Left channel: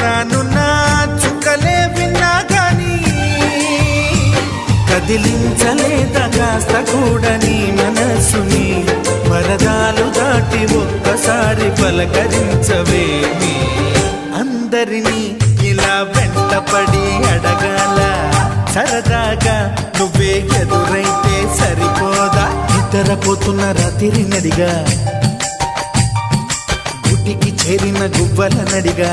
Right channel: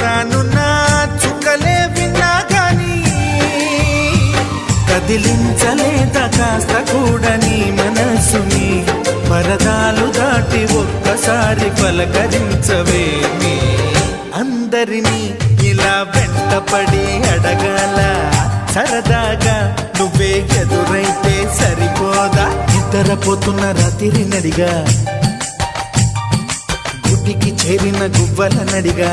రానున్న చుక్కలే విన్నా గాని కదిలించలేదా కాస్త కూడా నీ మనసుని పరదాలు దాటి ఒక్కసారి పలకరించవేమి అందరినీ ఇలా వెంటపడి అడగాల సరదాగా నువ్వే ఎదురైతే సరిపోదా నిద్రపోతున్న రాత్రి నడిగా గుటికి చేరిన గువ్వల నడిగా